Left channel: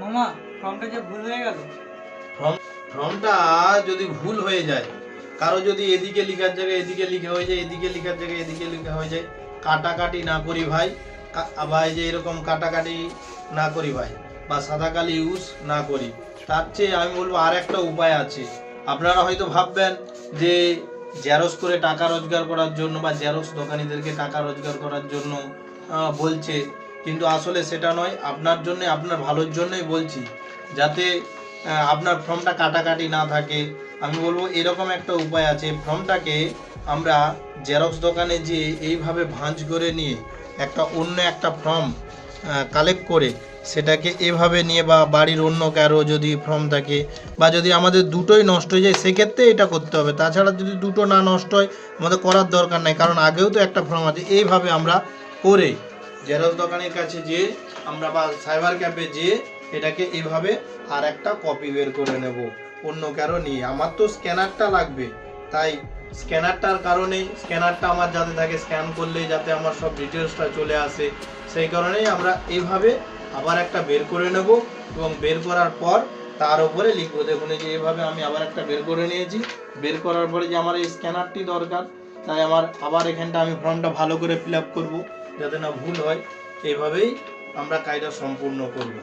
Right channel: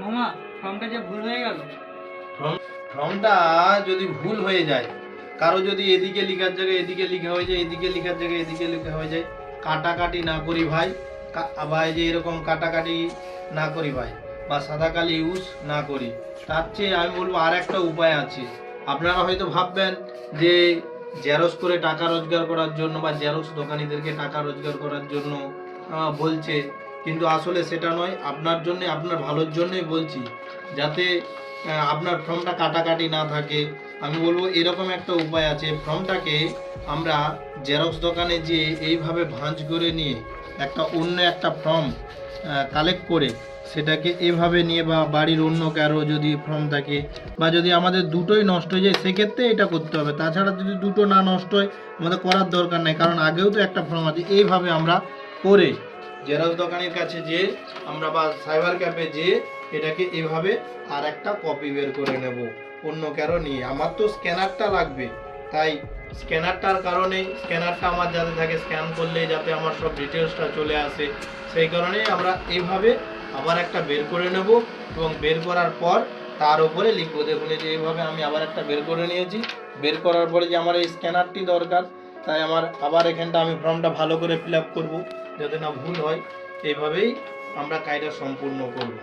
মামা ফর্মটা যে ভুল হয়ে গেল। ফর্মটা যদি ভুল হয়ে যায়, কারো যদি এদিকে লেখার জায়গায় এদিকে লেখা হয়ে যায়, এদিকে লেখার জায়গায় এদিকে লেখা হয়ে যায়, কাটাকাটি না করি ভাই, বা এই যে এরকম কাটাকাটি না করি ভাই, বা সাদা কালি ইউজ না করি, তার চেয়ে আমি বলবো আর একটা উপায় আছে। আপনারা হয়তো ভাববেন যে জেরক্স করে টাকা রোজগার করার জন্য বা জেরক্স দোকানিদেরকে টাকা রোজগার করার জন্য বলছে, কিন্তু আসলে সেটা নয়। আপনার জন্য, আপনার ভালোর জন্যই বলছি, যাতে আপনার ফর্মটা কাটাকাটি না থাকে। আমি বলবো এরকম একটা উপায় আছে, ফর্মটাকে আমরা জেরক্স দোকানে যে এইভাবে ভাঁজ করে নিয়ে একটা অন্য একটা ফর্ম কালেক্ট করে সেটাকে এভাবে নিয়ে, বা বাড়ির অন্য কারো যদি ফর্ম থাকে, বা যদি আমাদের দুটোই নষ্ট হয়ে যায় সেক্ষেত্রে এটা করতে হবে। তাছাড়া যদি দুটো না নষ্ট হয় আমাদের করার দরকার নেই, কারণ আগেও তো একটা ফর্ম আছে। এইভাবে আমরা করে জেরক্স দোকানের কাছে যেয়ে আমরা বা সাইবার ক্যাফে যেয়ে এটাকে এভাবে আর একটা কপি বের করে নেব অন্য কারো নিয়ে। আমার তো স্ক্যানারটা লাগবে, তাই স্ক্যানারটার কারণেই, স্ক্যানারটা আমার যাতে থাকে, স্ক্যান করলেই যাতে আমার সব ডিটেলসটা চলে আসে, সেই কারণেই আমরা এইভাবে আবার একটা বের করে নেব এবং বের করার পর তার উপরে লিখবো। দেখুন এই যে এইভাবে আমি আবার একটা বের করে নিয়েছি। বের করার পরে যে আমার এই স্ক্যানারটি দরকার, তাই আমার আবার এখানটা আমি ফর্মটা ভালো করে ফিল আপ করবো যাতে না ভুল হয়। এইভাবেই আমরা কাজটা সম্পূর্ণ করব।